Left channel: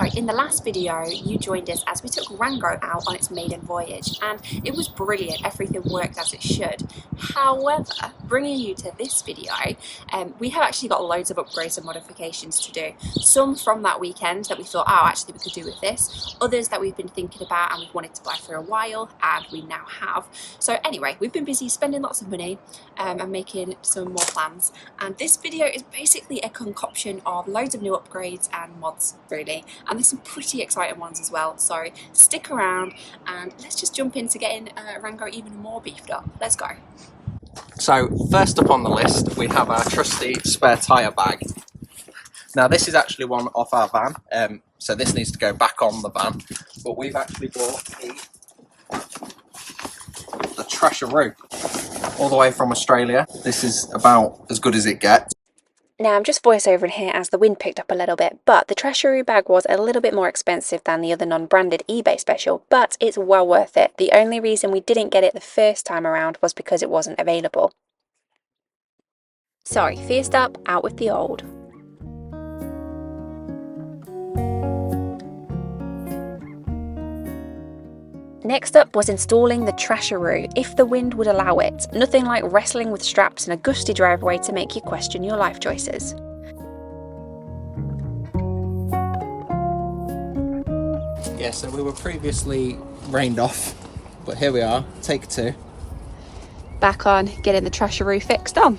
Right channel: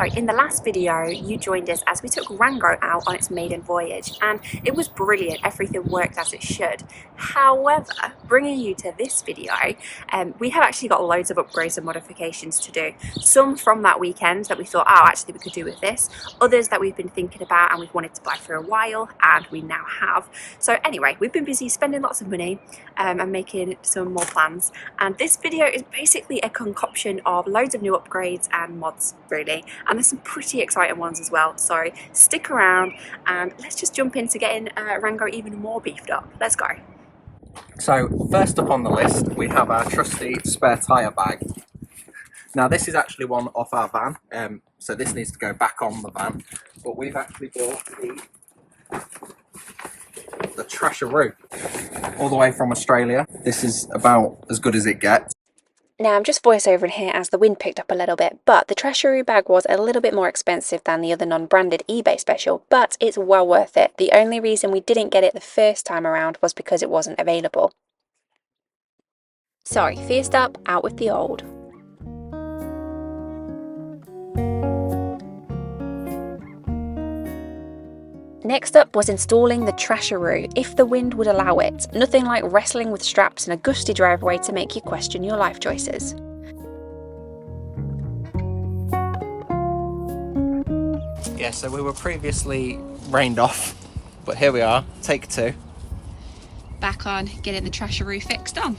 Right, in the last video, you joined us as we took Rango out on its maiden voyage, and it was brilliant. Everything worked as it should. However, bringing you to this video, we have actually got loads of upgrades and modifications to do. Some from that weekend that we thought, oh, actually we could do with this. Others that we've been thinking about and we've wanted to buy for a while, and we now have. So anyway, we've been busy spending lots of money and making some more plans. And this video is basically a concoction of loads of new upgrades and mods, really. And there's some pretty exciting ones as well, so stick around and let's just jump into getting Rango even more beefed up. Let's go. So first up on the list we have our trusty spare tyre bag. Now this is actually one off our van, so this needs to go back on the van, but we've actually bought the Trasharoo all the way from Australia. This is about as good as it gets. Now I'm just voiceovering here as the wind picked up a little bit, but the Trasharoo bag was a little bit more expensive than the other non-branded eBay special, but it's well worth it. The only reason we didn't get it the first time around was because it wasn't available. Sorry, first up, out with the old. Next up was installing the Trasharoo, if the wind would allow it. Nothing like wrestling with straps in a gusty driveway to make you question your life choices. Yeah, so we were previously rained off, but here we are, take two. Back on getting the Trasharoo fixed on.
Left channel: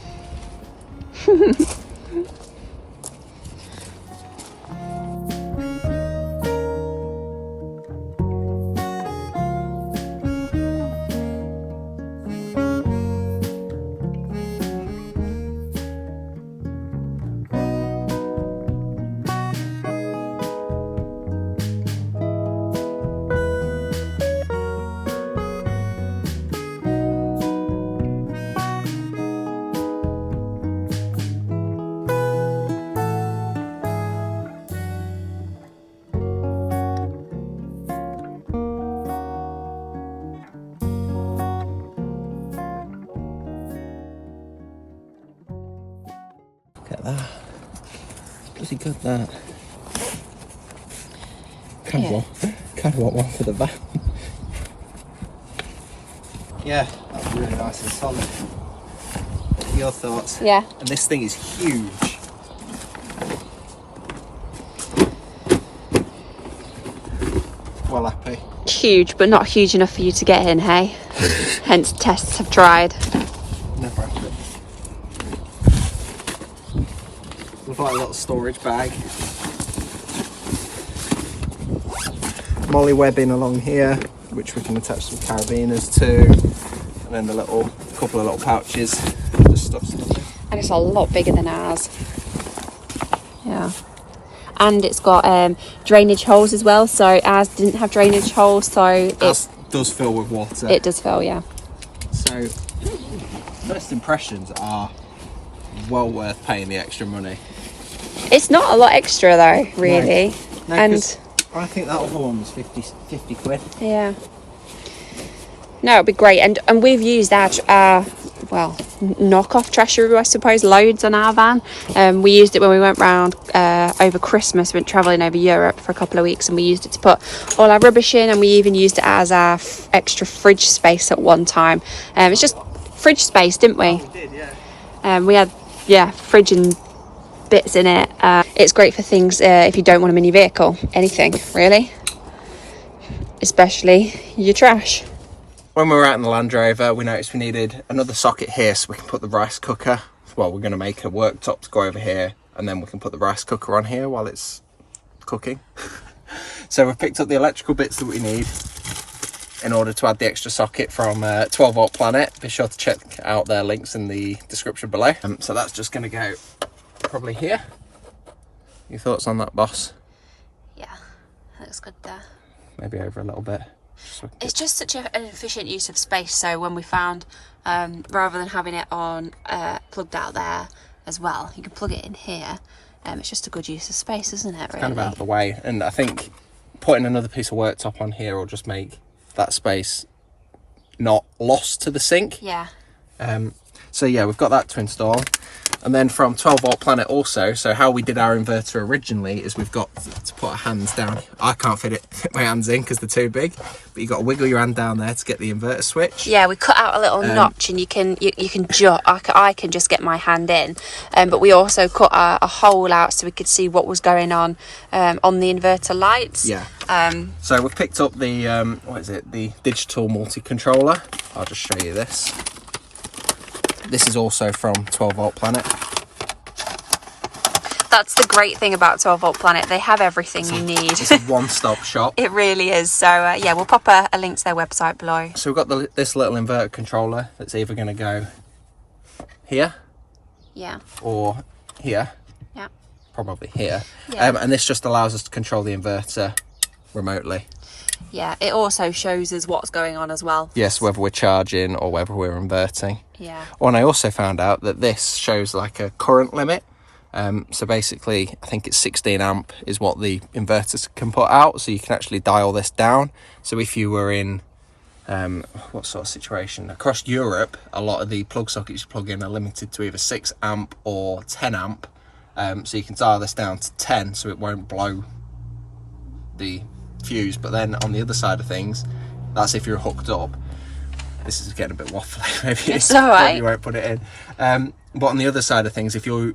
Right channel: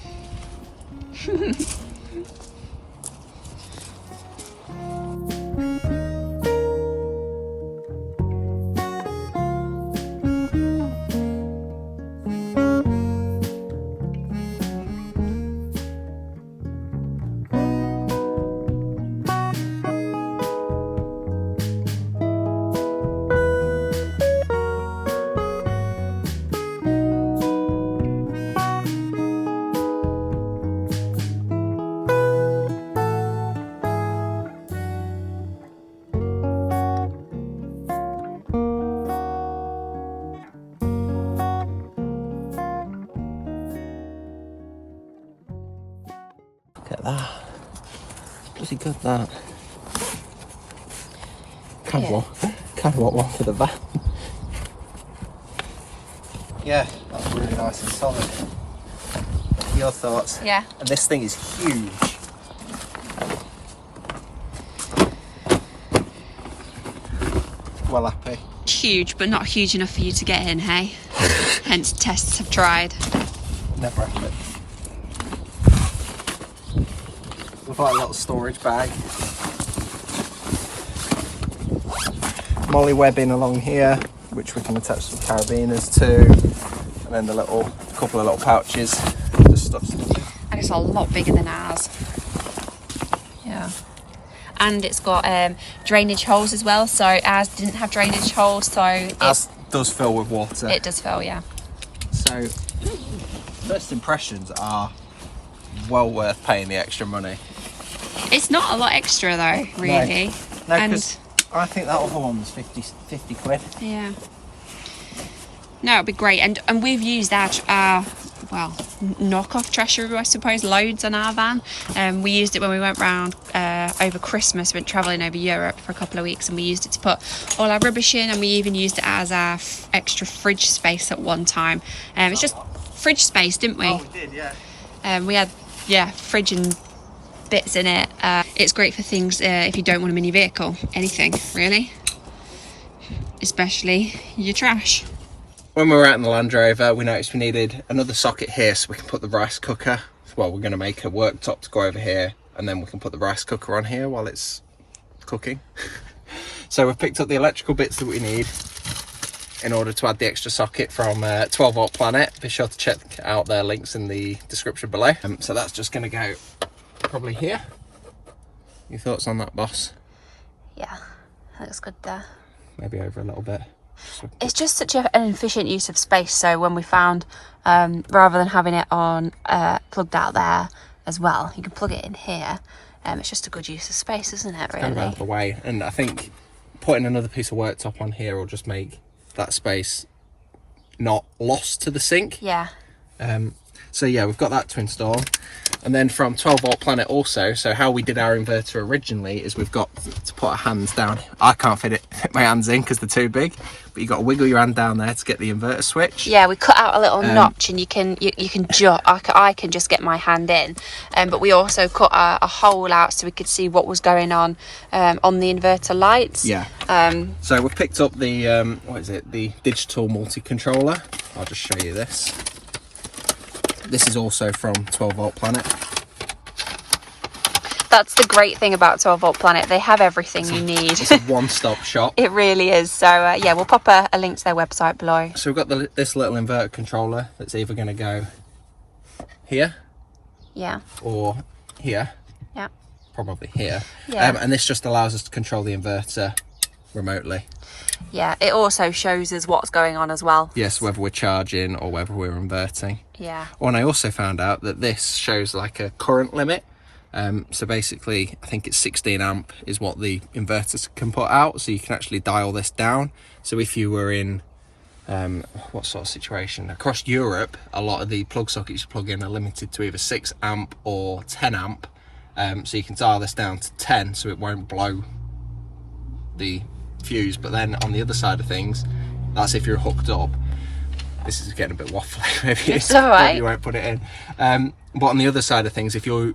Look at that. Pretty good, that. Kind of want one for the van. Yeah, that was really nice and solid. Your thoughts? Yeah. And this thing is huge. Well happy. Huge, but not huge enough for you to get in, hey? Hence tests have tried. Never happened. We've got a little storage bag. Molly webbing along here, which we can attach some carabiners to. And then the couple of little pouches. Just stuff. And it's a lot bigger than ours. Yeah. And it's got drainage holes as well, so ours didn't have drainage holes, so Ours does fill with water. It does fill, yeah. So first impressions are well worth paying the extra money. It's not a lot extra though, really. No, and I think that other one was 50 quid. yeah. No, it'd be great. And we've used our well, knockoff Trasharoo, I suppose, loads on our van. We used it when we went round over Christmas. We went travelling over Europe for a couple of weeks, and we used it to put all our rubbish in, and we even used it as our extra fridge space at one time. It's just fridge space, didn't we? Oh, we did, yeah. We had, yeah, fridge and bits in it. It's great for things if you don't want a mini vehicle, anything really, especially your trash. When we were out in the Land Rover, we noticed we needed another socket here so we can put the rice cooker. Well, we're going to make a worktop to go over here, and then we can put the rice cooker on here while it's cooking. So we've picked up the electrical bits that we need in order to add the extra socket from 12 Volt Planet. Be sure to check out their links in the description below. So that's just going to go probably here. Your thoughts on that, boss? Yeah, that looks good there. Maybe over a little bit. It's just such an efficient use of space, so when we found rather than having it on plugged out there as well, you can plug it in here. It's just a good use of space, isn't it, really? Kind of out of the way, and I think putting another piece of worktop on here will just make that space not lost to the sink. Yeah. So yeah, we've got that to install. And then from 12 volt planet also, so how we did our inverter originally is we've got to put our hands down. I can't fit my hands in because they're too big, but you've got to wiggle your hand down there to get the inverter switch. Yeah, we cut out a little notch, and you can just I can just get my hand in, but we also cut a hole out so we could see what was going on the inverter lights. Yeah. So we've picked up the what is it? The digital multi-controller. I'll just show you this. This is also from 12 volt planet. That's the great thing about 12 volt planet. They have everything you need. It's a one-stop shop. It really is. So yeah, we'll pop a link to their website below. So we've got this little inverter controller that's either going to go here, yeah, or here, yeah, probably here. Yeah. And this just allows us to control the inverter remotely. Yeah, it also shows us what's going on as well. Yes, whether we're charging or whether we're inverting. Yeah. Oh, and I also found out that this shows like a current limit. So basically, I think it's 16 amp is what the inverters can put out. So you can actually dial this down. So if you were in, what sort of situation? Across Europe, a lot of the plug sockets you plug in are limited to either 6 amp or 10 amp. So you can dial this down to 10 so it won't blow the fuse. But then on the other side of things, that's if you're hooked up. This is getting a bit waffly. Maybe it's all right. Maybe you won't put it in. But on the other side of things, if you're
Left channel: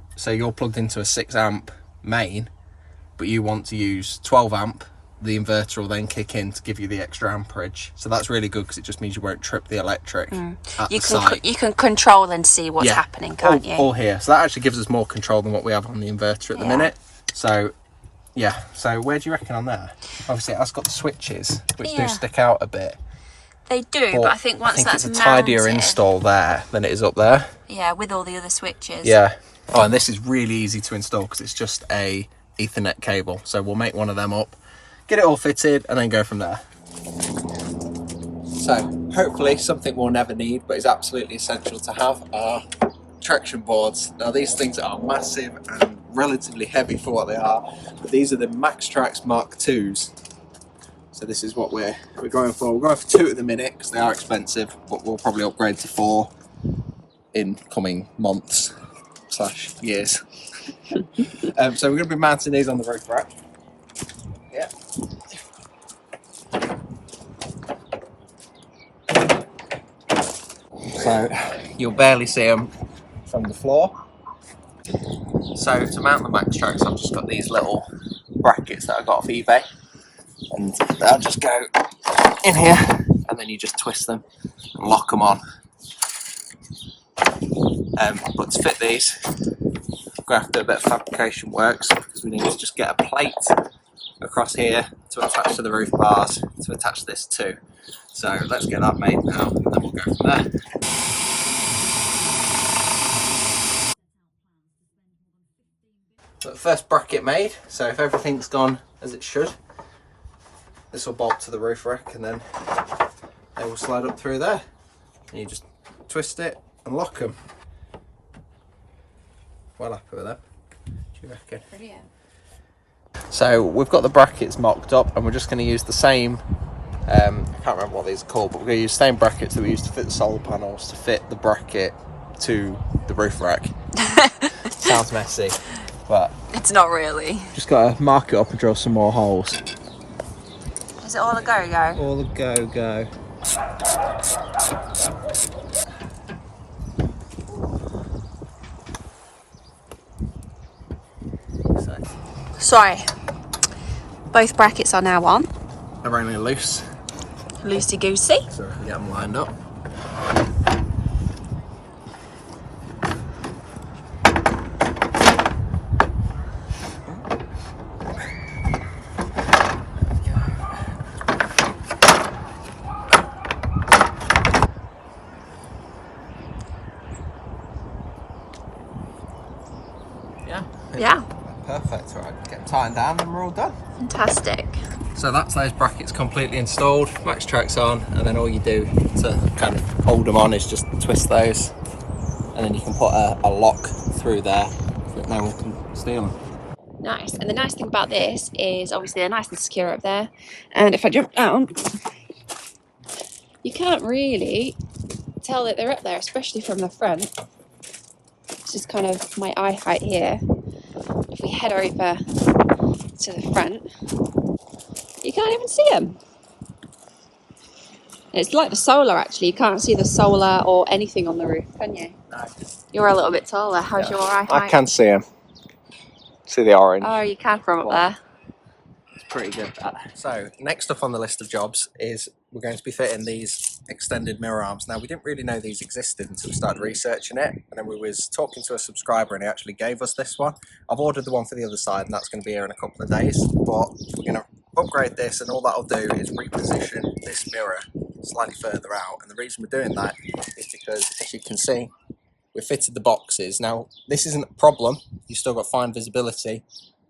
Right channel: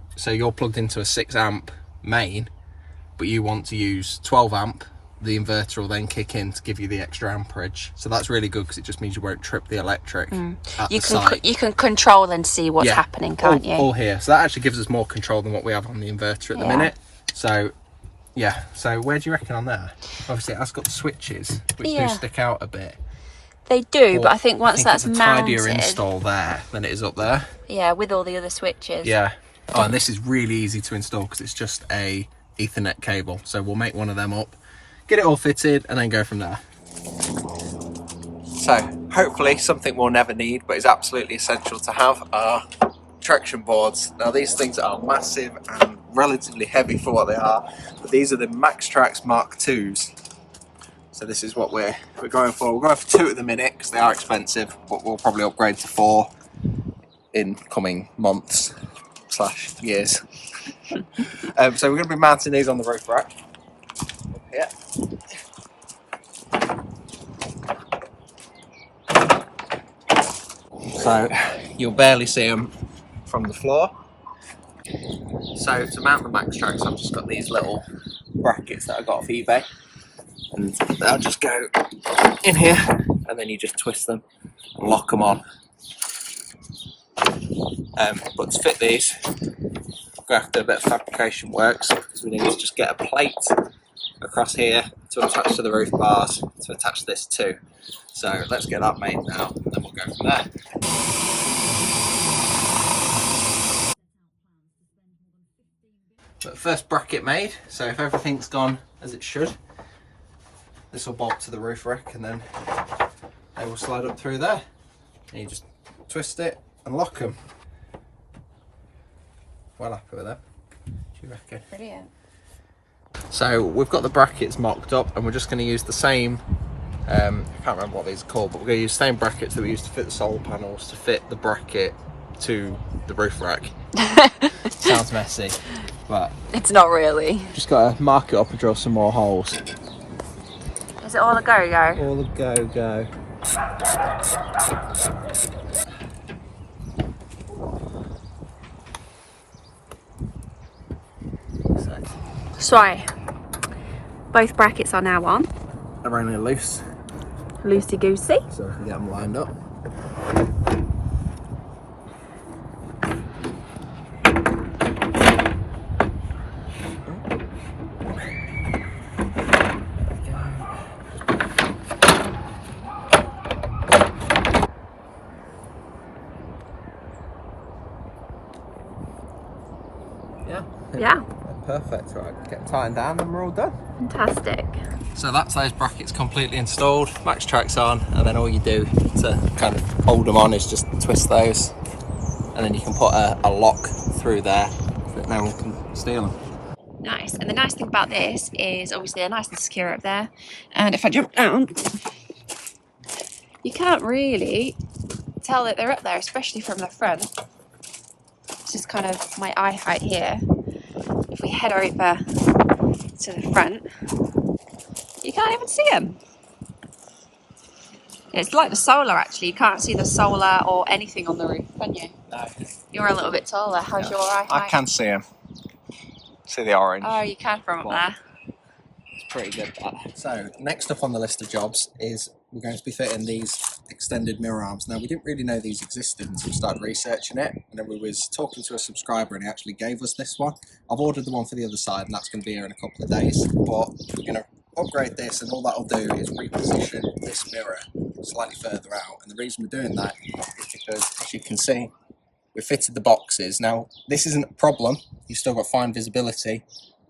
plugged into a 6 amp main, but you want to use 12 amp, the inverter will then kick in to give you the extra amperage. So that's really good because it just means you won't trip the electric at the site. You can control and see what's happening, can't you? All here. So that actually gives us more control than what we have on the inverter at the minute. So yeah. So where do you reckon on there? Obviously, it has got the switches, which do stick out a bit. They do, but I think once that's it's a mounted, tidier install there than it is up there. Yeah, with all the other switches. Yeah. Oh, and this is really easy to install because it's just a Ethernet cable. So we'll make one of them up, get it all fitted, and then go from there. So hopefully something we'll never need, but is absolutely essential to have, are traction boards. Now these things are massive and relatively heavy for what they are, but these are the Maxtrax Mark IIs. So this is what we're going for. We're going for 2 at the minute because they are expensive, but we'll probably upgrade to 4 in coming months / years. So we're going to be mounting these on the roof rack. Yeah. So you'll barely see them from the floor. So to mount the Maxtrax, I've just got these little brackets that I got off eBay. And they'll just go in here, and then you just twist them and lock them on. But to fit these, we're going to have to do a bit of fabrication works because we need to just get a plate across here to attach to the roof bars to attach this to. So let's get that made now, and then we'll go from there. So the first bracket made, so if everything's gone as it should, this will bolt to the roof rack and then they will slide up through there. And you just twist it and lock them. Well happy with them. What do you reckon? Brilliant. So we've got the brackets mocked up and we're just going to use the same, I can't remember what these are called, but we're going to use the same brackets that we used to fit the solar panels to fit the bracket to the roof rack. Sounds messy, but it's not really. Just got to mark it up and drill some more holes. Is it all a go-go? All a go-go. So, both brackets are now on. They're only loose. Loosey-goosey. So we can get them lined up. Yeah. Perfect. Right, get them tightened down and we're all done. Fantastic. So that's those brackets completely installed, Maxtrax on, and then all you do to kind of hold them on is just twist those, and then you can put a lock through there so that no one can steal them. Nice. And the nice thing about this is obviously they're nice and secure up there, and if I jump down, you can't really tell that they're up there, especially from the front. this is kind of my eye height here. If we head over to the front, you can't even see them. It's like the solar actually. You can't see the solar or anything on the roof, can you? No. You're a little bit taller. How's your eye height? I can see them. See the orange. Oh, you can from up there. It's pretty good, that. So next up on the list of jobs is we're going to be fitting these extended mirror arms. Now, we didn't really know these existed until we started researching it, and then we was talking to a subscriber and he actually gave us this one. I've ordered the one for the other side and that's going to be here in a couple of days, but we're going to upgrade this, and all that'll do is reposition this mirror slightly further out. And the reason we're doing that is because, as you can see, we fitted the boxes. Now, this isn't a problem, you've still got fine visibility,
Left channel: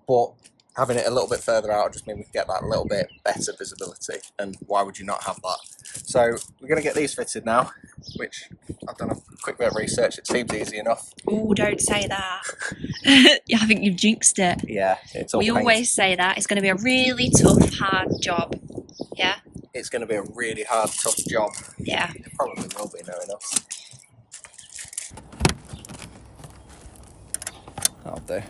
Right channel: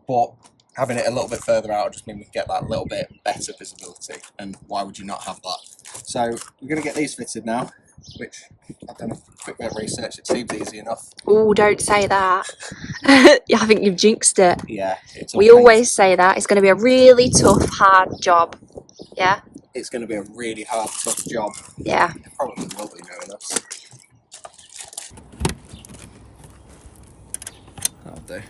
but having it a little bit further out just means we can get that little bit better visibility, and why would you not have that? So we're going to get these fitted now, which I've done a quick bit of research, it seems easy enough. Oh, don't say that. I think you've jinxed it. Yeah, it's all we painted. Always say that. It's going to be a really tough, hard job. Yeah? It's going to be a really hard, tough job. Yeah. It probably will be, knowing us. That'll do.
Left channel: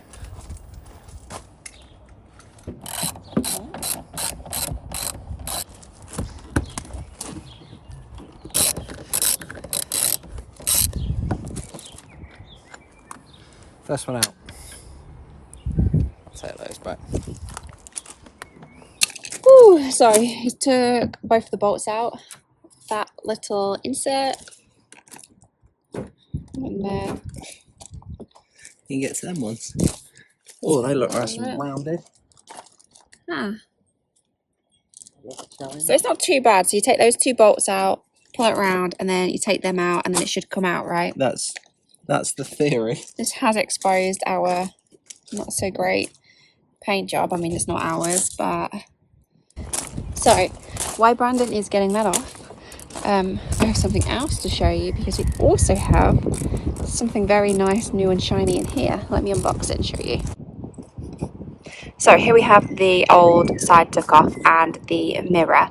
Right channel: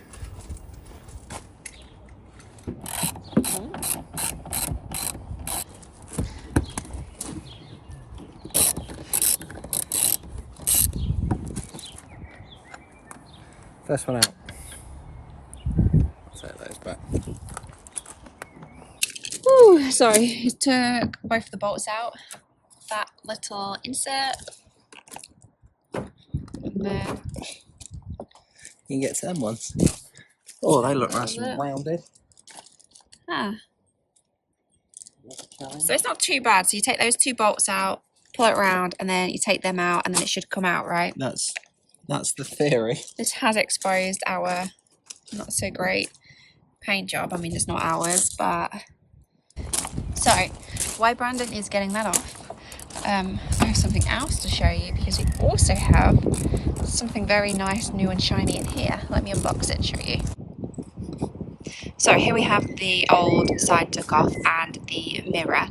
First one out. I'll take those back. Ooh, sorry, he took both the bolts out. That little insert. And then... You can get to them ones. Oh, they look nice and rounded. Ah. So it's not too bad. So you take those two bolts out, pull it around, and then you take them out, and then it should come out, right? That's the theory. This has exposed our not so great paint job. I mean, it's not ours, but... So, while Brandon is getting that off, I have something else to show you, because we also have something very nice, new and shiny in here. Let me unbox it and show you. So here we have the old side took off and the mirror.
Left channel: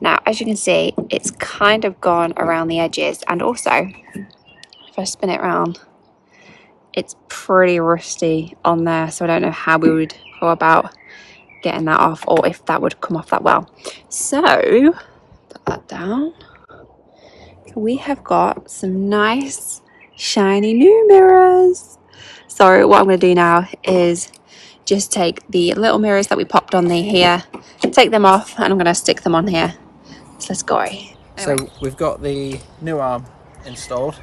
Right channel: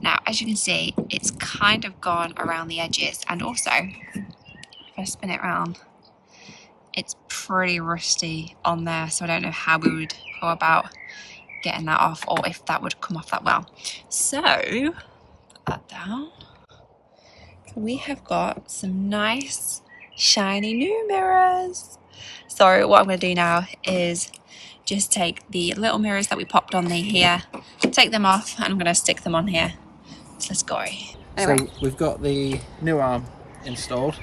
Now, as you can see, it's kind of gone around the edges, and also, if I spin it around, it's pretty rusty on there, so I don't know how we would go about getting that off, or if that would come off that well. So, put that down. We have got some nice, shiny new mirrors. So what I'm going to do now is just take the little mirrors that we popped on here, take them off, and I'm going to stick them on here. So let's go. Anyway. So we've got the new arm installed,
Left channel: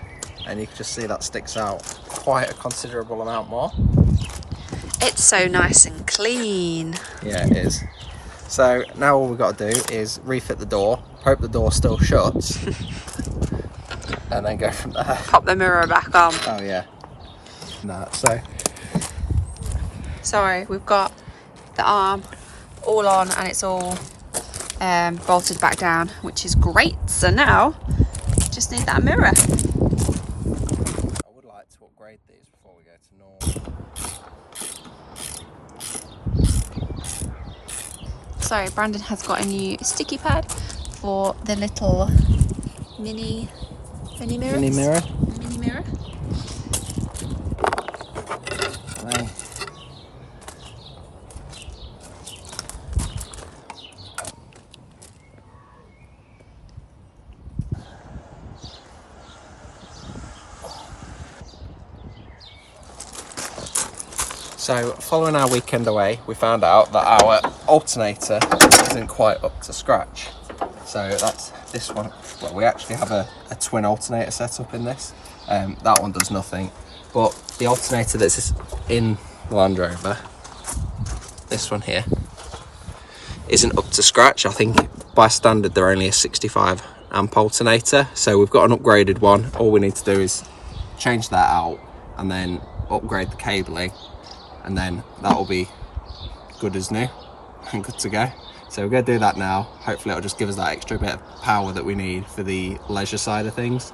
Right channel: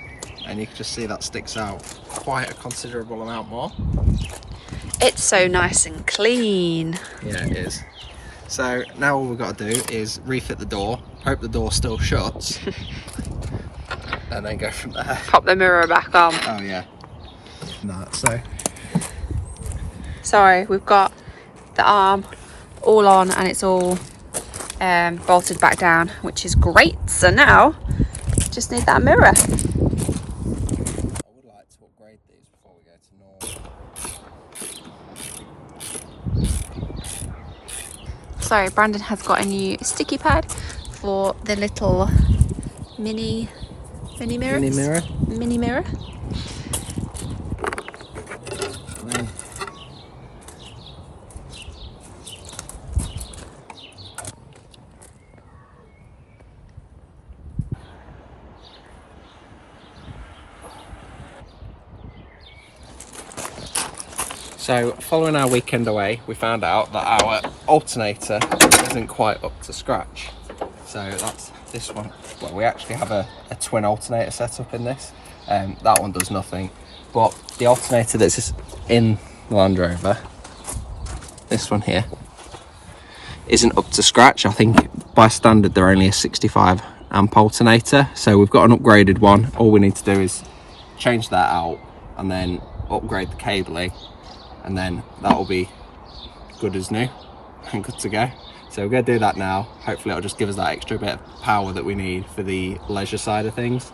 and you can just see that sticks out quite a considerable amount more. It's so nice and clean. Yeah, it is. So now all we've got to do is refit the door, hope the door still shuts, and then go from there. Pop the mirror back on. Oh yeah. No, Sorry, we've got the arm all on and it's all bolted back down, which is great. So now, just need that mirror. I would like to upgrade these before we go to normal. Sorry, Brandon has got a new sticky pad for the little mini mirrors. Mini mirror. Wow. So, following our weekend away, we found out that our alternator isn't quite up to scratch. So that's this one. Well, we actually have a twin alternator set up in this. That one does nothing. But the alternator that's in the Land Rover, this one here, isn't up to scratch. I think by standard they're only a 65 amp alternator. So we've got an upgraded one. All we need to do is change that out and then upgrade the cabling, and then that'll be good as new and good to go. So we're going to do that now. Hopefully it'll just give us that extra bit of power that we need for the leisure side of things.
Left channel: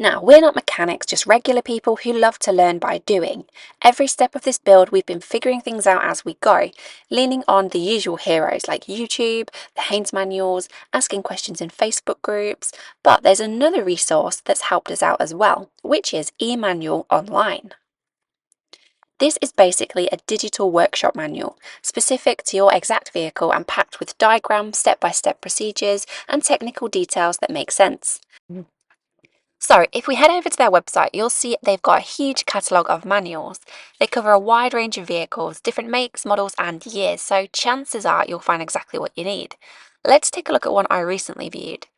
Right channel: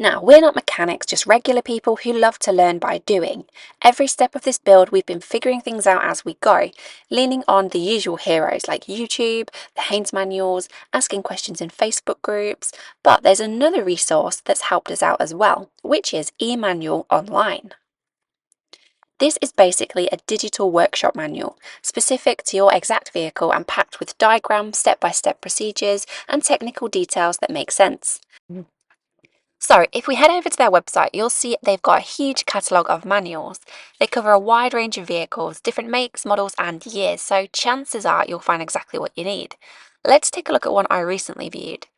Now, we're not mechanics, just regular people who love to learn by doing. Every step of this build, we've been figuring things out as we go, leaning on the usual heroes like YouTube, the Haynes manuals, asking questions in Facebook groups, but there's another resource that's helped us out as well, which is eManual Online. This is basically a digital workshop manual, specific to your exact vehicle and packed with diagrams, step-by-step procedures, and technical details that make sense. So if we head over to their website, you'll see they've got a huge catalogue of manuals. They cover a wide range of vehicles, different makes, models and years, so chances are you'll find exactly what you need. Let's take a look at one I recently viewed.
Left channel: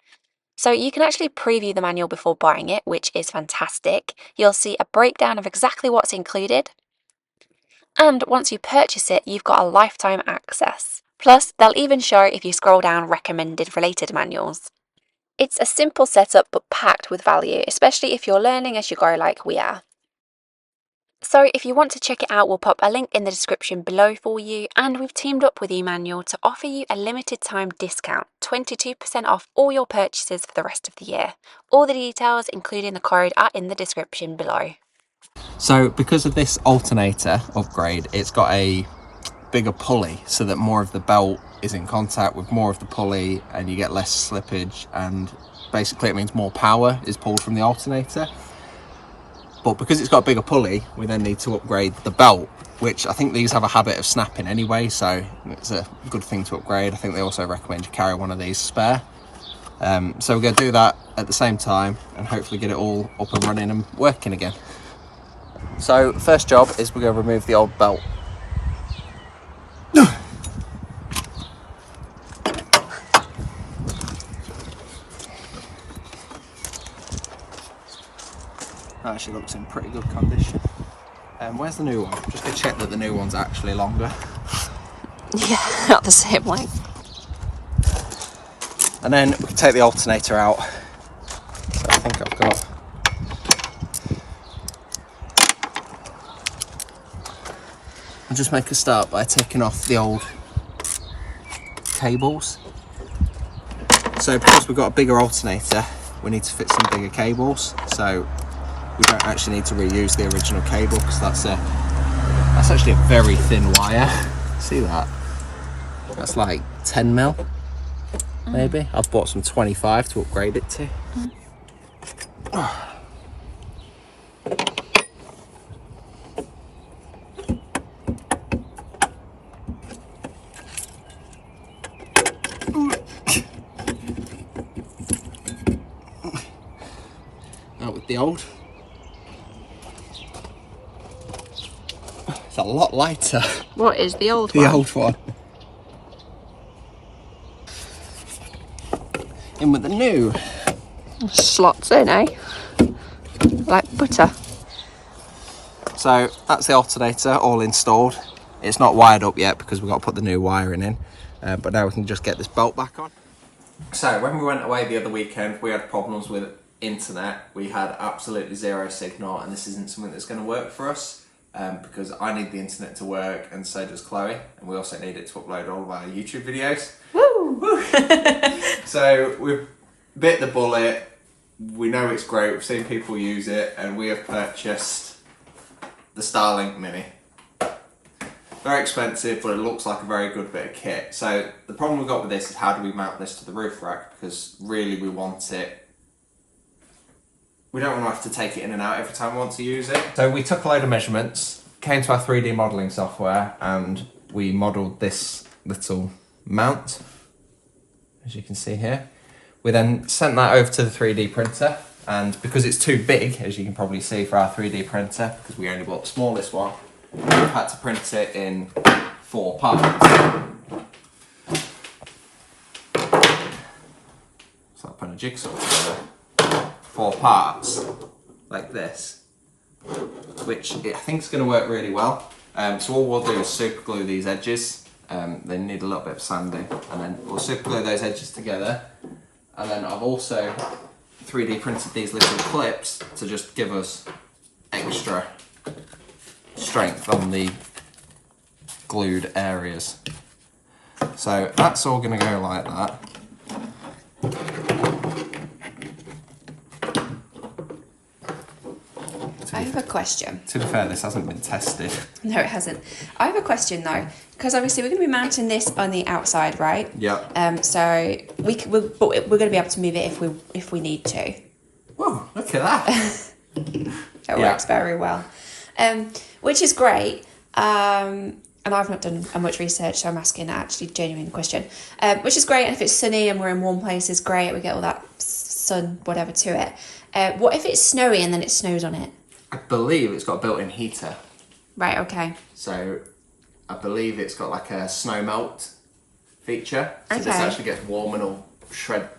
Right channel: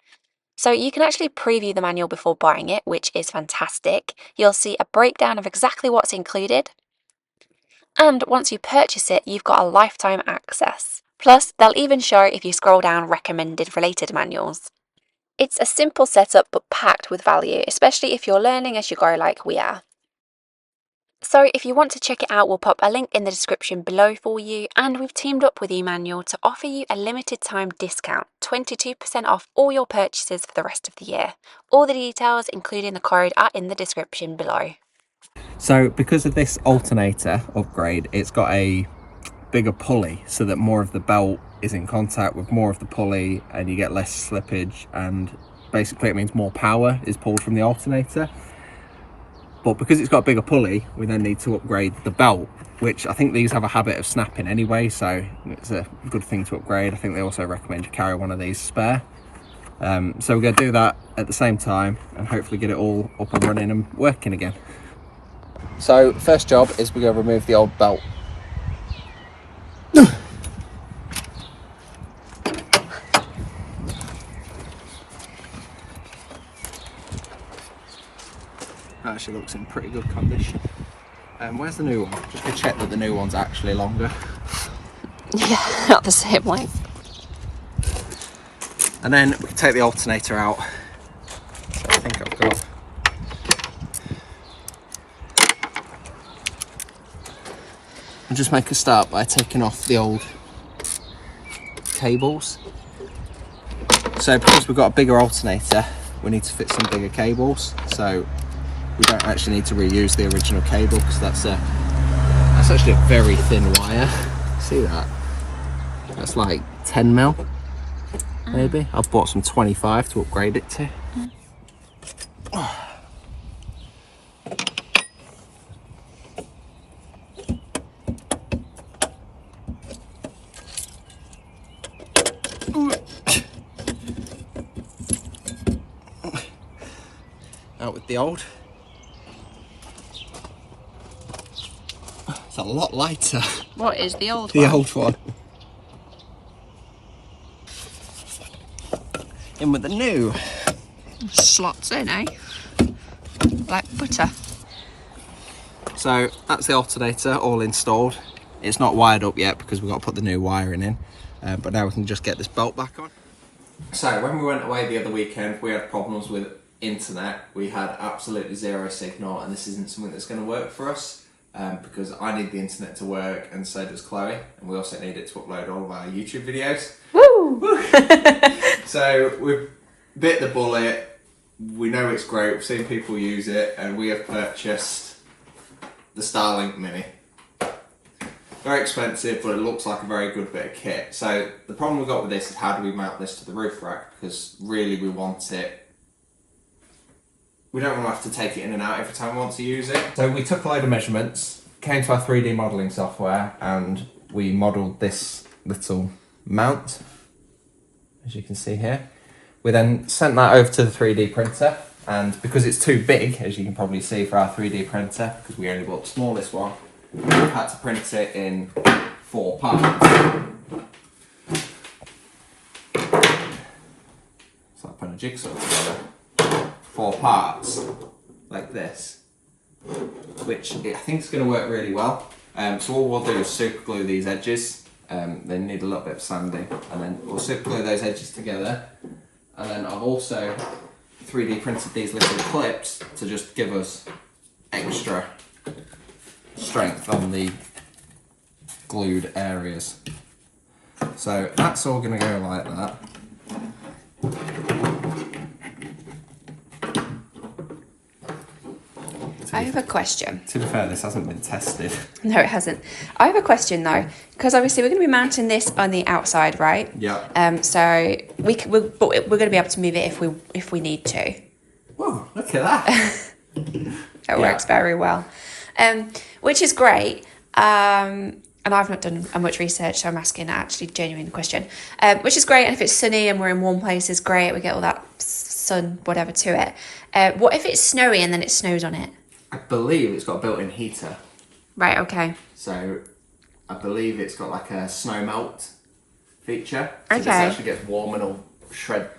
So you can actually preview the manual before buying it, which is fantastic. You'll see a breakdown of exactly what's included. And once you purchase it, you've got a lifetime access. Plus, they'll even show if you scroll down recommended related manuals. It's a simple setup but packed with value, especially if you're learning as you go like we are. So if you want to check it out, we'll pop a link in the description below for you, and we've teamed up with eManual to offer you a limited time discount, 22% off all your purchases for the rest of the year. All the details, including the code, are in the description below. So because of this alternator upgrade, it's got a bigger pulley so that more of the belt is in contact with more of the pulley and you get less slippage, and basically it means more power is pulled from the alternator. But because it's got a bigger pulley, we then need to upgrade the belt, which I think these have a habit of snapping anyway, so it's a good thing to upgrade. I think they also recommend you carry one of these spare. So we're going to do that at the same time and hopefully get it all up and running and working again. So first job is we're going to remove the old belt. That actually looks in pretty good condition. Where's the new one? Just to check that the new one's actually longer. Yeah, not the same length. And then we can take the alternator out. I think I've got. And just make a start by taking off the old cables. So because we've got a bigger alternator, we need to fit some bigger cables. So we don't actually need to reuse the original cable because that's actually a very thin wire. See that? That's like 10 mil, maybe. I've bought some 25 to upgrade it to. Out with the old. It's a lot lighter. What is the old one? The old one. In with the new. Slots in, eh? Like butter. So that's the alternator all installed. It's not wired up yet because we've got to put the new wiring in. But now we can just get this belt back on. So when we went away the other weekend, we had problems with internet. We had absolutely zero signal, and this isn't something that's going to work for us. Because I need the internet to work and so does Chloe, and we also need it to upload all of our YouTube videos. Woo! So we've bit the bullet, we know it's great, we've seen people use it, and we have purchased the Starlink Mini. Very expensive, but it looks like a very good bit of kit. So the problem we've got with this is how do we mount this to the roof rack, because really we want it. We don't want to have to take it in and out every time we want to use it. So we took a load of measurements, came to our 3D modelling software, and we modelled this little mount, as you can see here. We then sent that over to the 3D printer, and because it's too big, as you can probably see for our 3D printer, because we only bought the smallest one, we've had to print it in 4 parts. It's like putting a jigsaw together. 4 parts, like this, which I think is going to work really well. So all we'll do is super glue these edges. They need a little bit of sanding, and then we'll super glue those edges together. And then I've also 3D printed these little clips to just give us extra strength on the glued areas. So that's all going to go like that. I have a question. To be fair, this hasn't been tested. No, it hasn't. I have a question though, because obviously we're going to be mounting this on the outside, right? Yeah. So we're going to be able to move it if we need to. Whoa, look at that. It works very well, which is great. And I've not done much research, so I'm asking an actually genuine question, which is great. And if it's sunny and we're in warm places, great. We get all that sun, whatever, to it. What if it's snowy and then it snows on it? I believe it's got a built-in heater. Right, okay. So I believe it's got like a snow melt feature. So Okay. this actually gets warm and it'll shed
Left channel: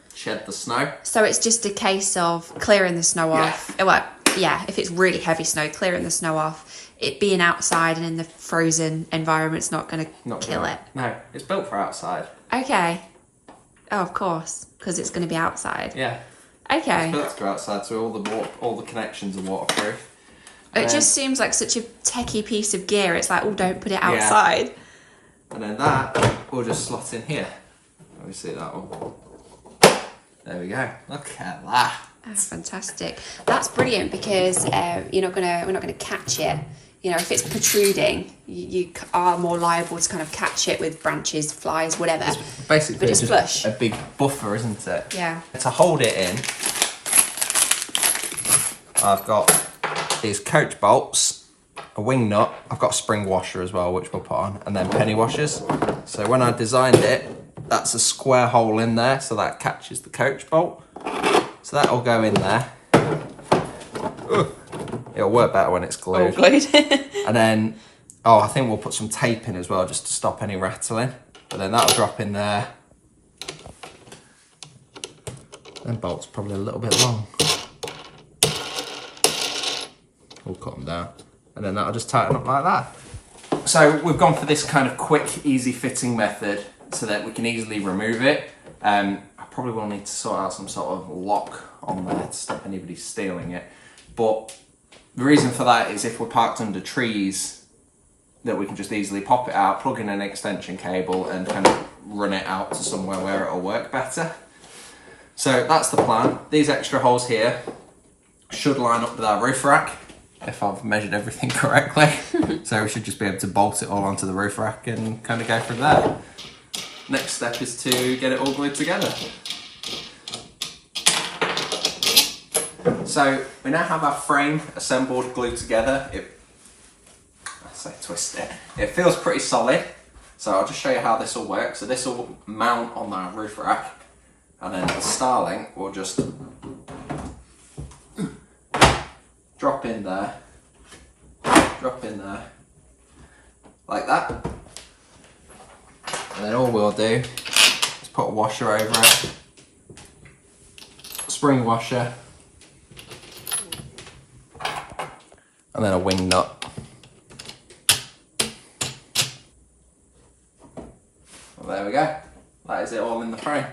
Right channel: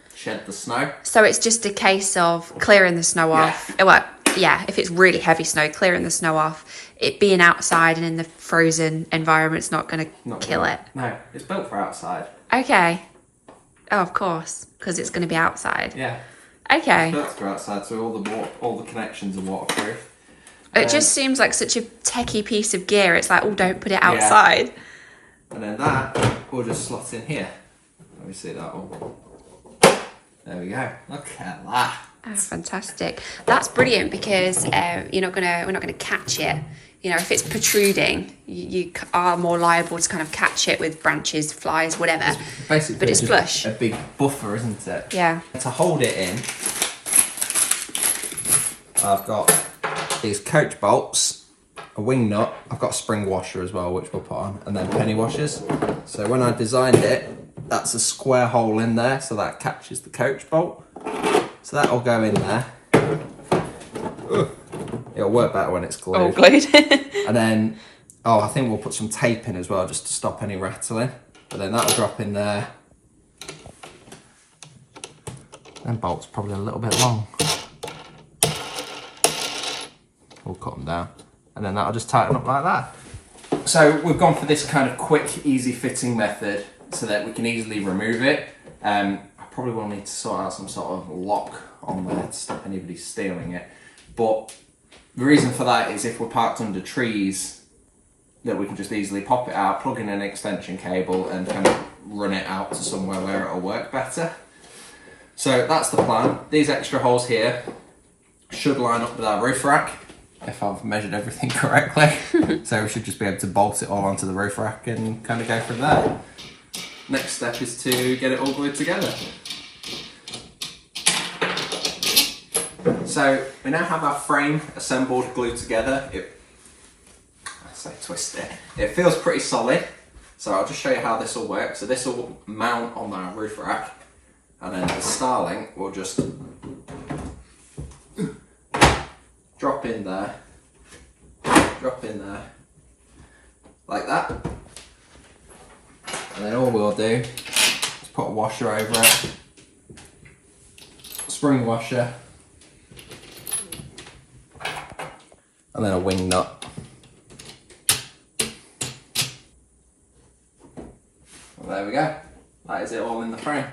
the snow. So it's just a case of clearing the snow off. Well, yeah, if it's really heavy snow, clearing the snow off. It being outside and in the frozen environment's not going to kill it. No, it's built for outside. Okay. Oh, of course, because it's going to be outside. Yeah. Okay. It's built for outside, so all the connections are waterproof. It just seems like such a techie piece of gear. It's like, oh, don't put it outside. Yeah. And then that will just slot in here. Let me see that all. There we go. Look at that. That's fantastic. That's brilliant because we're not gonna catch it. You know, if it's protruding, you are more liable to kind of catch it with branches, flies, whatever. It's basically, but it's just flush. A big buffer, isn't it? Yeah. To hold it in, I've got these coach bolts, a wing nut. I've got a spring washer as well, which we'll put on, and then penny washers. So when I designed it, that's a square hole in there, so that catches the coach bolt. So that'll go in there. Ooh. It'll work better when it's glued. All glued. And then, I think we'll put some tape in as well, just to stop any rattling. But then that'll drop in there. And bolt's probably a little bit long. We'll cut them down. And then that'll just tighten up like that. So we've gone for this kind of quick, easy fitting method so that we can easily remove it. I probably will need to sort out some sort of lock on there to stop anybody stealing it. But the reason for that is if we're parked under trees, that we can just easily pop it out, plug in an extension cable and kind of run it out to somewhere where it'll work better. So that's the plan. These extra holes here should line up with our roof rack, if I've measured everything correctly. So we should just be able to bolt it all onto the roof rack and kind of go from there. Next step is to get it all glued together. So we now have our frame assembled, glued together. Twist it. It feels pretty solid. So I'll just show you how this will work. So this will mount on our roof rack, and then the Starlink will just drop in there, like that. And then all we'll do is put a washer over it, spring washer, and then a wing nut. Well, there we go. That is it all in the frame.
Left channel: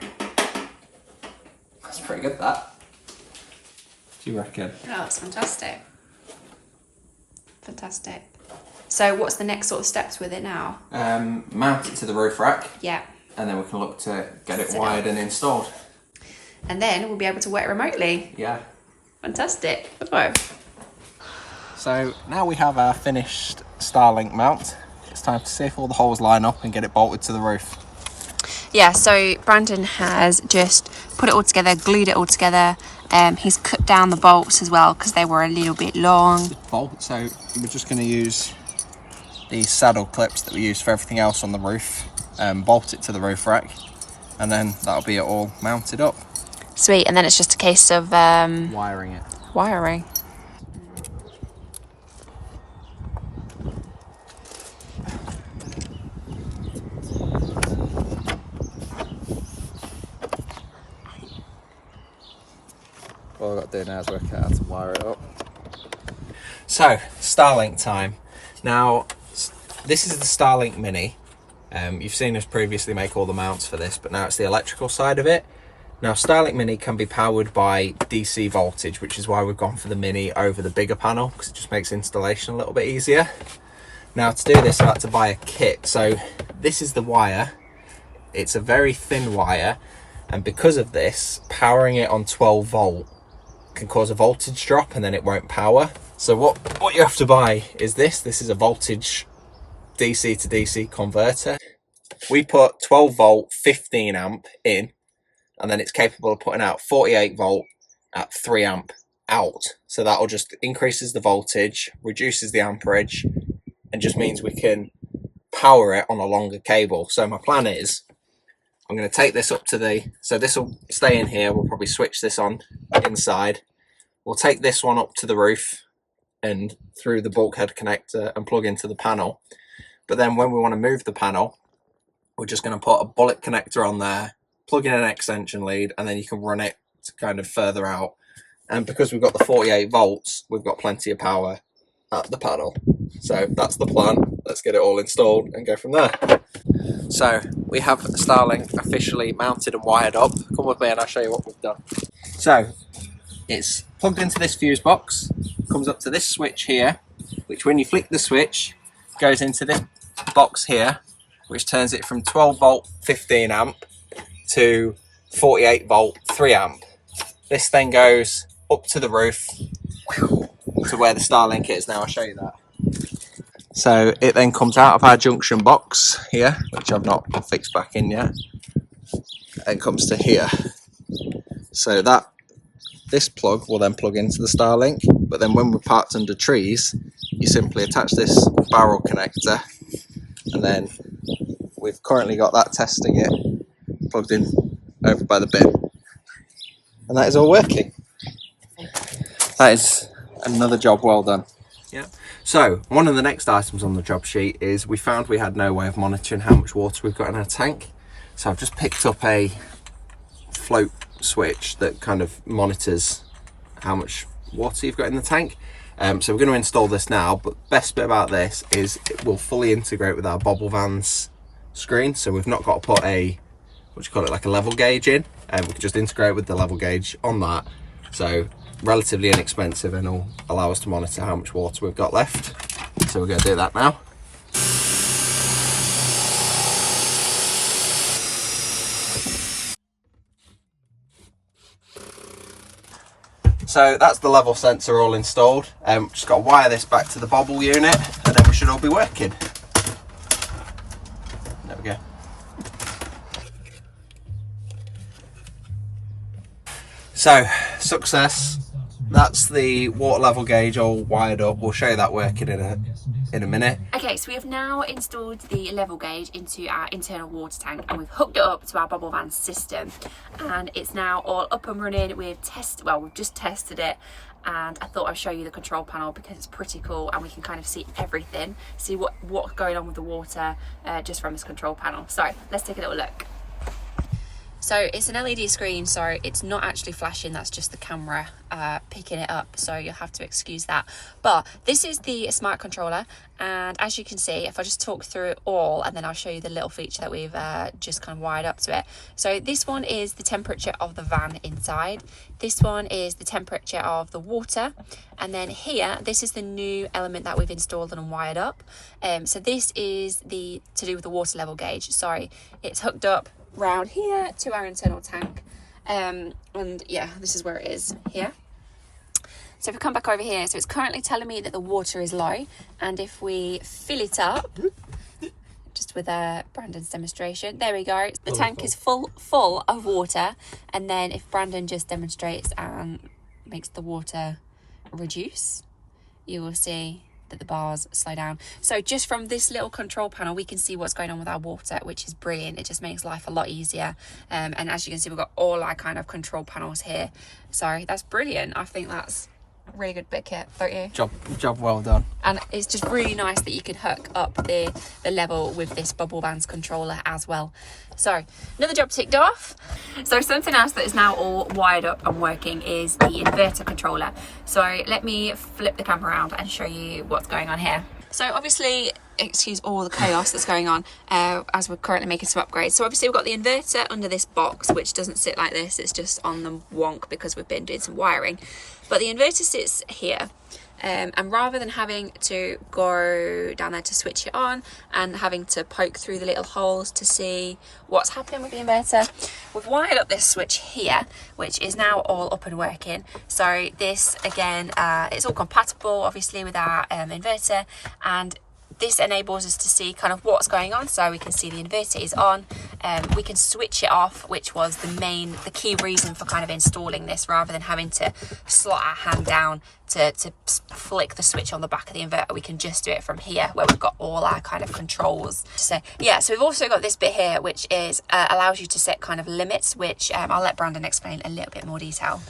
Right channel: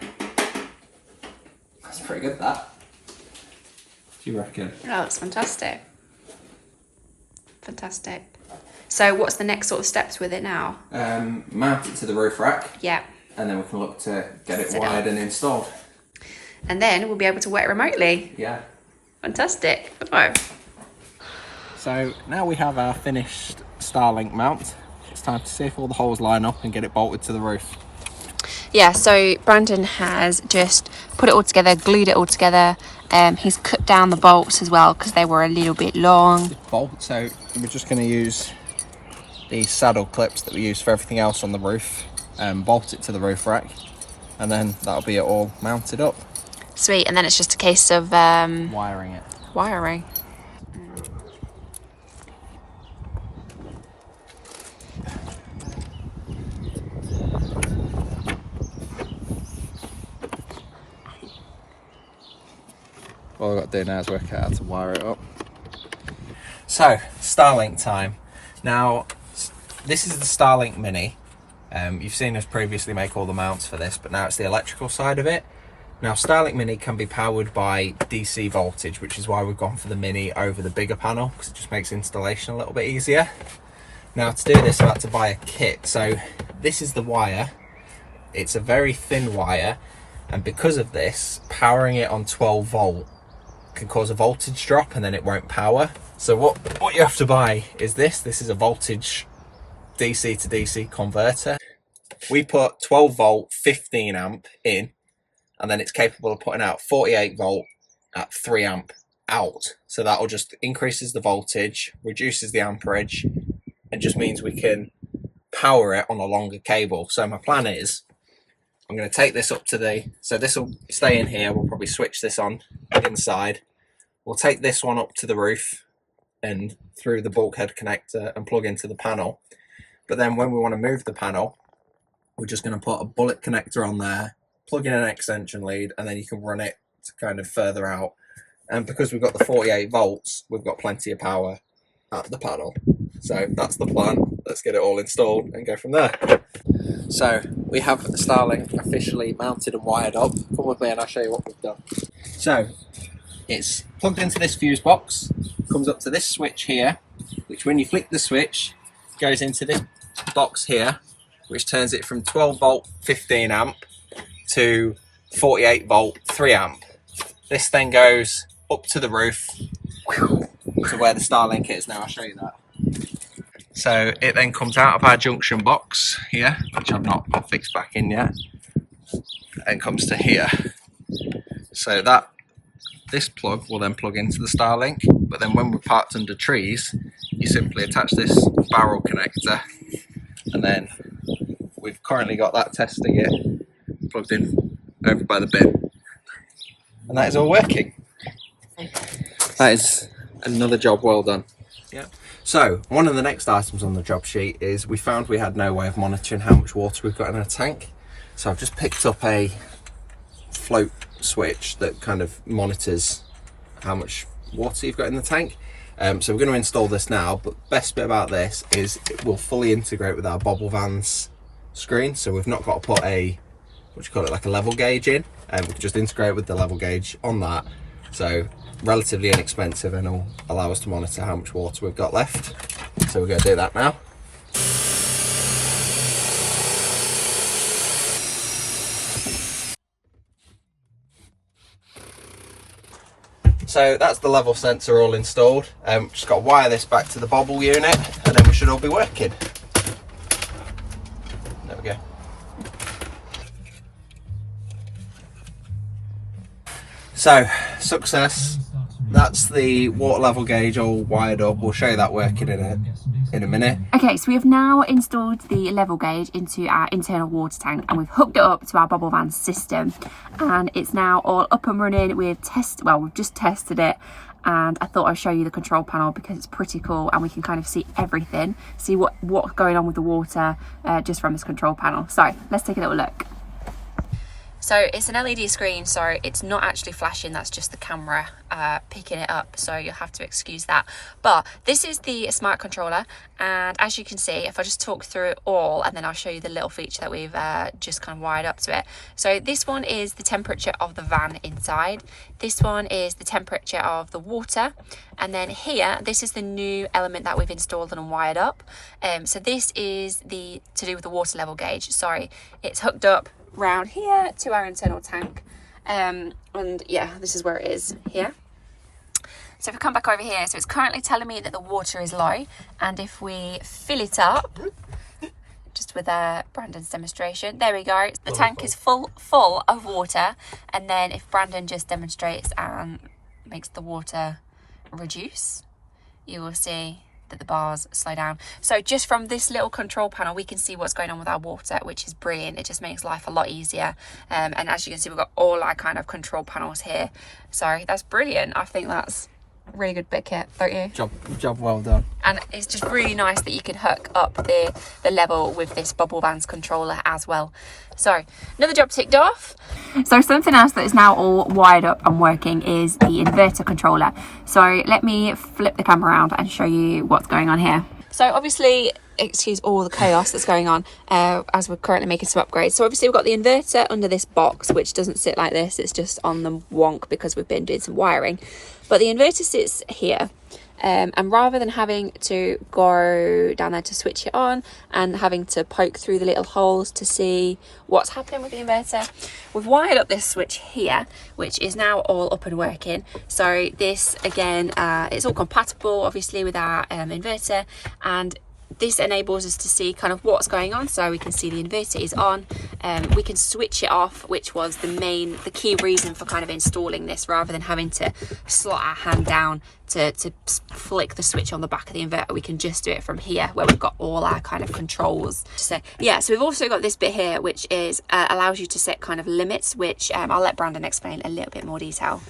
That's pretty good, that. What do you reckon? Oh, it's fantastic. Fantastic. So what's the next sort of steps with it now? Mount it to the roof rack. Yeah. And then we can look to get it wired and installed. And then we'll be able to work remotely. Yeah. Fantastic. Oh. So now we have our finished Starlink mount. It's time to see if all the holes line up and get it bolted to the roof. Yeah, so Brandon has just put it all together, glued it all together. He's cut down the bolts as well because they were a little bit long. So we're just going to use these saddle clips that we use for everything else on the roof, bolt it to the roof rack, and then that'll be it all mounted up. Sweet, and then it's just a case of wiring it. Wiring. All I've got to do now is work out how to wire it up. So, Starlink time. Now, this is the Starlink Mini. You've seen us previously make all the mounts for this, but now it's the electrical side of it. Now, Starlink Mini can be powered by DC voltage, which is why we've gone for the Mini over the bigger panel, because it just makes installation a little bit easier. Now, to do this, I had to buy a kit. So, this is the wire. It's a very thin wire, and because of this, powering it on 12 volt can cause a voltage drop and then it won't power. So what you have to buy is this. This is a voltage DC to DC converter. We put 12 volt 15 amp in, and then it's capable of putting out 48 volt at 3 amp out. So that'll just increases the voltage, reduces the amperage, and just means we can power it on a longer cable. So my plan is I'm going to take this up to so this will stay in here. We'll probably switch this on inside. We'll take this one up to the roof and through the bulkhead connector and plug into the panel. But then when we want to move the panel, we're just going to put a bullet connector on there, plug in an extension lead, and then you can run it to kind of further out. And because we've got the 48 volts, we've got plenty of power at the panel. So that's the plan. Let's get it all installed and go from there. So we have Starlink officially mounted and wired up. Come with me and I'll show you what we've done. So it's plugged into this fuse box, comes up to this switch here, which when you flick the switch, goes into this box here, which turns it from 12 volt 15 amp to 48 volt 3 amp. This then goes up to the roof to where the Starlink is. Now I'll show you that. So it then comes out of our junction box here, which I've not fixed back in yet, and comes to here. So this plug will then plug into the Starlink, but then when we're parked under trees, you simply attach this barrel connector, and then we've currently got that testing it plugged in over by the bin, and that is all working. That is another job well done. Yeah. So one of the next items on the job sheet is we found we had no way of monitoring how much water we've got in our tank. So I've just picked up a float switch that kind of monitors how much water you've got in the tank. So we're going to install this now, but the best bit about this is it will fully integrate with our bobble van's screen. So we've not got to put like a level gauge in, and we can just integrate with the level gauge on that. So relatively inexpensive, and will allow us to monitor how much water we've got left. So we're going to do that now. So that's the level sensor all installed. Just got to wire this back to the bobble unit, and then we should all be working. There we go. So success. That's the water level gauge all wired up. We'll show you that working in a minute. Okay, so we have now installed the level gauge into our internal water tank, and we've hooked it up to our bobble van system, and it's now all up and running. We've just tested it, and I thought I'd show you the control panel because it's pretty cool, and we can kind of see everything, see what's going on with the water just from this control panel. So let's take a little look. So it's an LED screen, so it's not actually flashing, that's just the camera picking it up, so you'll have to excuse that. But this is the smart controller, and as you can see, if I just talk through it all, and then I'll show you the little feature that we've just kind of wired up to it. So this one is the temperature of the van inside, this one is the temperature of the water, and then here, this is the new element that we've installed and wired up. So this is to do with the water level gauge. Sorry, it's hooked up round here to our internal tank, and yeah, this is where it is here. So if we come back over here, so it's currently telling me that the water is low, and if we fill it up just with Brandon's demonstration, there we go, the tank is full of water, and then if Brandon just demonstrates and makes the water reduce, you will see that the bars slow down. So just from this little control panel, we can see what's going on with our water, which is brilliant. It just makes life a lot easier. And as you can see, we've got all our kind of control panels here. So that's brilliant. I think that's a really good bit kit, don't you? Job well done. And it's just really nice that you can hook up the level with this bobble van's controller as well. So another job ticked off. So something else that is now all wired up and working is the inverter controller. So let me flip the camera around and show you what's going on here. So obviously, excuse all the chaos that's going on as we're currently making some upgrades. So obviously we've got the inverter under this box, which doesn't sit like this. It's just on the wonk because we've been doing some wiring. But the inverter sits here. and rather than having to go down there to switch it on and having to poke through the little holes to see what's happening with the inverter, we've wired up this switch here, which is now all up and working. So this again, it's all compatible obviously with our inverter, and this enables us to see kind of what's going on. So we can see the inverter is on, we can switch it off, which was the key reason for kind of installing this, rather than having to slot our hand down to flick the switch on the back of the inverter. We can just do it from here where we've got all our kind of controls. So yeah, so we've also got this bit here, which is allows you to set kind of limits, which I'll let Brandon explain a little bit more detail.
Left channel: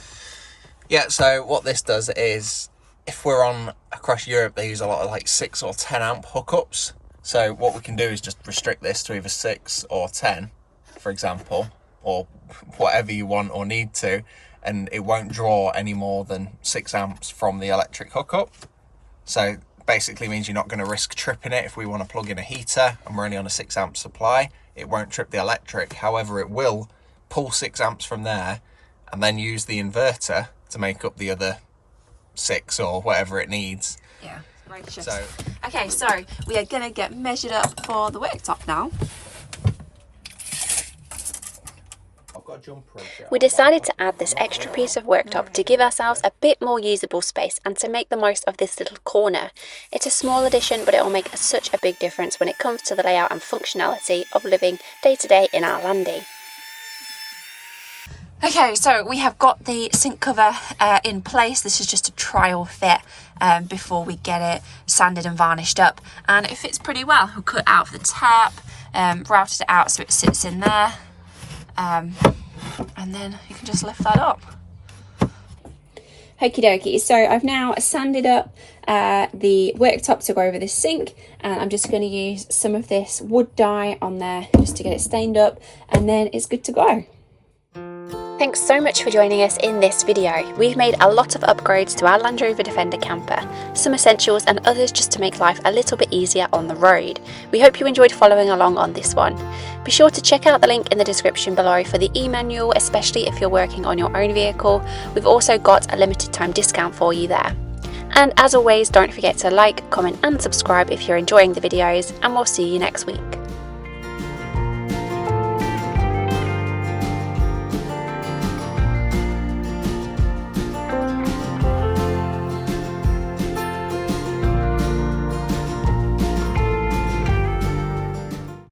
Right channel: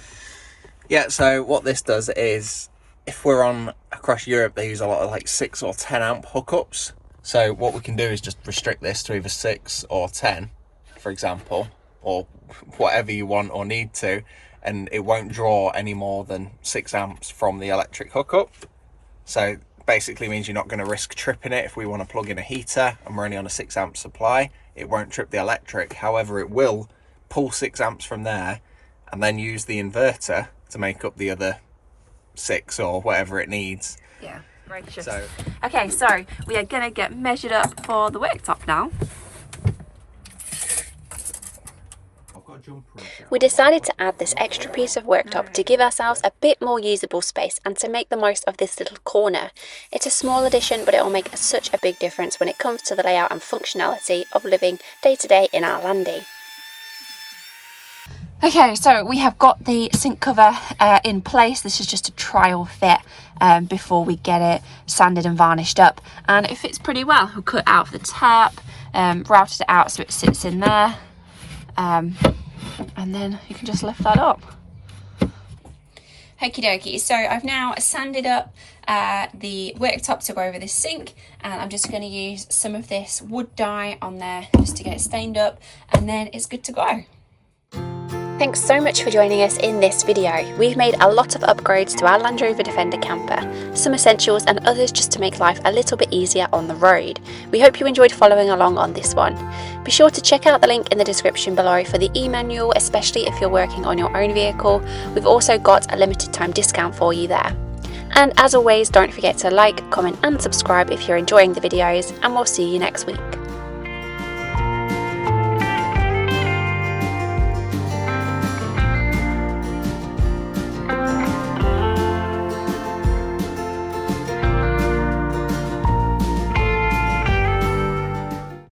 Yeah, so what this does is, if we're on across Europe, they use a lot of like 6 or 10 amp hookups. So what we can do is just restrict this to either 6 or 10, for example, or whatever you want or need to, and it won't draw any more than 6 amps from the electric hookup. So basically means you're not going to risk tripping it. If we want to plug in a heater and we're only on a 6 amp supply, it won't trip the electric. However, it will pull 6 amps from there and then use the inverter to make up the other 6 or whatever it needs. Yeah, righteous. Okay, so we are gonna get measured up for the worktop now. We decided to add this extra piece of worktop to give ourselves a bit more usable space and to make the most of this little corner. It's a small addition, but it will make such a big difference when it comes to the layout and functionality of living day to day in our landy. Okay, so we have got the sink cover in place. This is just a trial fit before we get it sanded and varnished up, and it fits pretty well. We'll cut out the tap, routed it out so it sits in there, and then you can just lift that up. Okie dokie, so I've now sanded up the worktop to go over this sink, and I'm just going to use some of this wood dye on there just to get it stained up, and then it's good to go. Thanks so much for joining us in this video. We've made a lot of upgrades to our Land Rover Defender camper, some essentials and others just to make life a little bit easier on the road. We hope you enjoyed following along on this one. Be sure to check out the link in the description below for the e-manual, especially if you're working on your own vehicle. We've also got a limited time discount for you there. And as always, don't forget to like, comment and subscribe if you're enjoying the videos, and we'll see you next week.